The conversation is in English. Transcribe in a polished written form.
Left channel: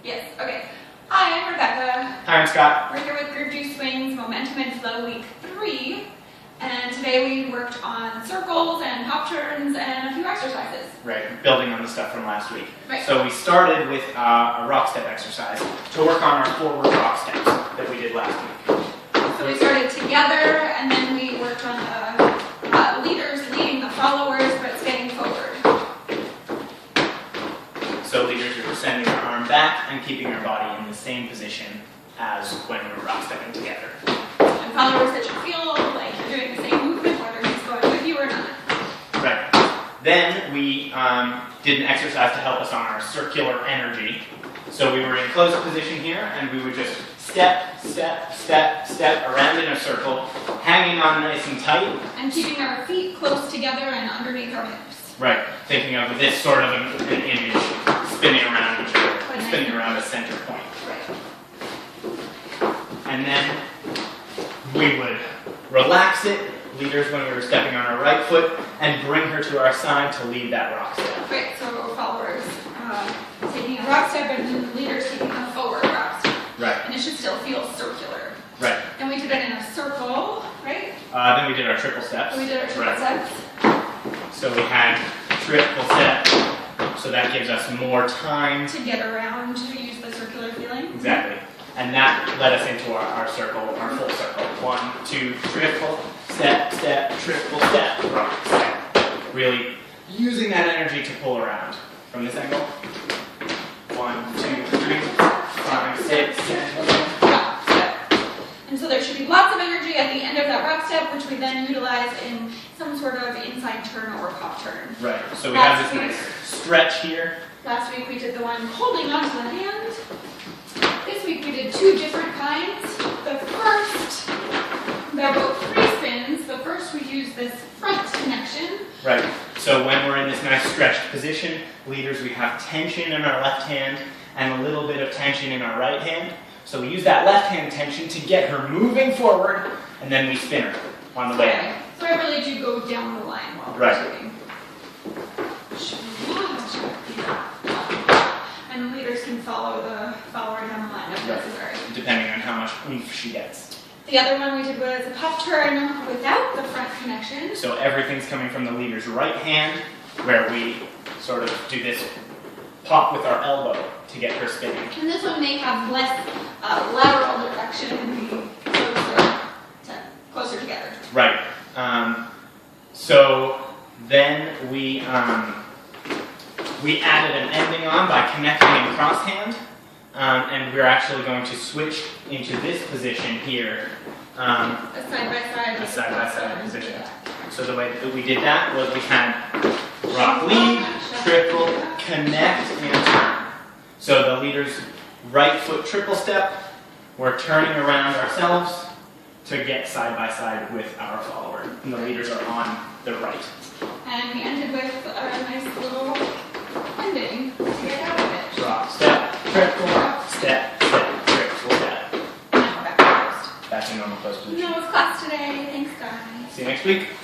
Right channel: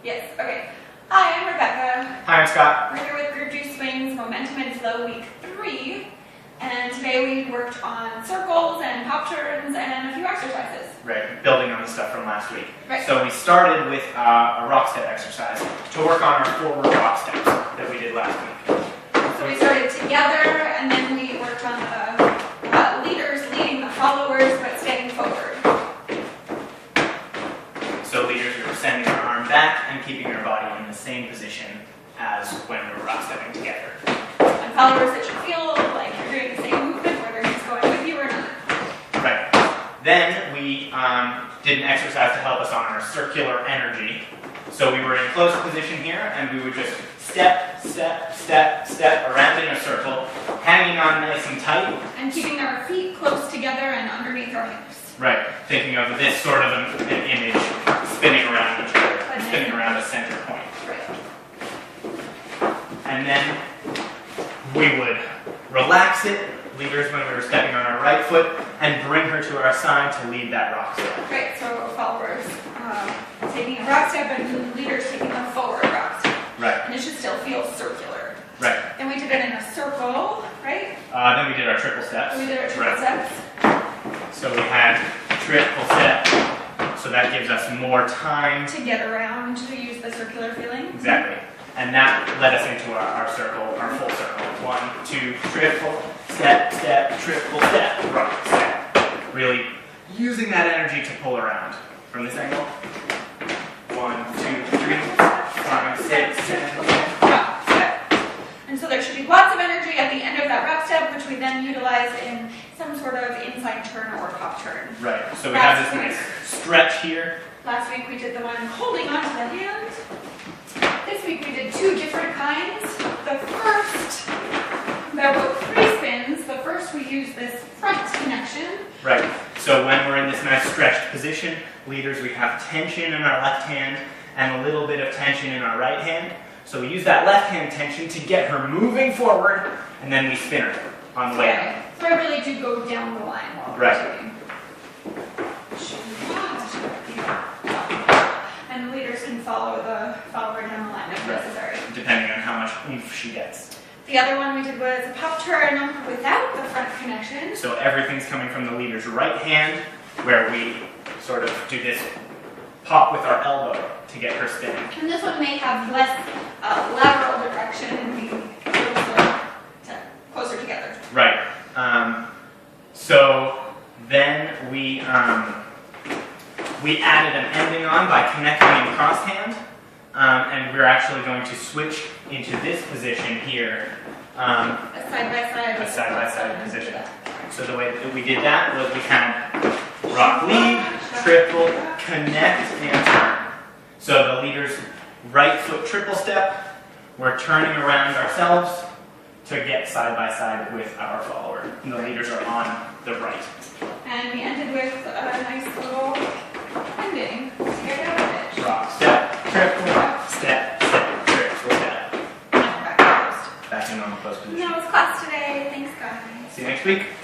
Yes, okay. Hi, I'm Rebecca. Hi, I'm Scott. We're here with Group 2 Swings Momentum and Flow Week 3. And today we worked on circles and hop turns and a few exercises. Right, building on the stuff from last week. Right. So we started with a rock step exercise to work on our forward rock steps that we did last week. So we started together and then we worked on leaders leading the followers but stepping forward. So leaders, we were sending our arm back and keeping our body in the same position as when we were rock stepping together. And followers that should feel like you're doing the same movement whether he's going with you or not. Right. Then we did an exercise to help us on our circular energy. So we were in closed position here and we would just step, step, step, step around in a circle, hanging on nice and tight. And keeping our feet close together and underneath our hips. Right, thinking of this sort of an image, spinning around each other, spinning around a center point. Right. And then we would relax it, leaders when we were stepping on our right foot, and bring her to our side to lead that rock step. Right, so followers taking a rock step and leaders taking a forward rock step. Right. And it should still feel circular. Right. Then we did it in a circle, right? Then we did our triple steps. We did our triple right. steps. So we had triple step, so that gives us more time to get around, to use the circular feeling. Exactly. And that led us into our circle, our full circle. 1, 2, triple, step, step, triple step, rock step. Really using that energy to pull around. From this angle. 1, 2, 3, 5, 6, 7, 8. Rock step. And so there should be lots of energy at the end of that rock step, which we then utilize in some sort of inside turn or pop turn. Right. So we have this nice stretch here. Last week we did the one holding onto the hand. This week we did 2 different kinds. The first, they're both free spins. The first we use this front connection. Right. So when we're in this nice stretched position, leaders, we have tension in our left hand and a little bit of tension in our right hand. So we use that left hand tension to get her moving forward, and then we spin her on the way out. So I really do go down the line while we're doing. And the leaders can follow the follower down the line if necessary. Depending on how much oomph she gets. The other one we did was a pop turn without the front connection. So everything's coming from the leader's right hand, where we sort of do this pop with our elbow to get her spinning. And this one may have less lateral direction and be closer together. Right. So then we added an ending on by connecting in cross hand, and we're actually going to switch into this position here. A side-by-side. A side-by-side position. So the way that we did that was we had rock lead, triple, connect, and turn. So the leader's right foot triple step, we're turning around ourselves to get side-by-side with our follower. And the leaders are on the right. And we ended with a nice little ending to get out of it. Rock, step, triple, step, step, triple, step. Now we're back to post. Back in normal pose position. That was class today. Thanks, guys. See you next week.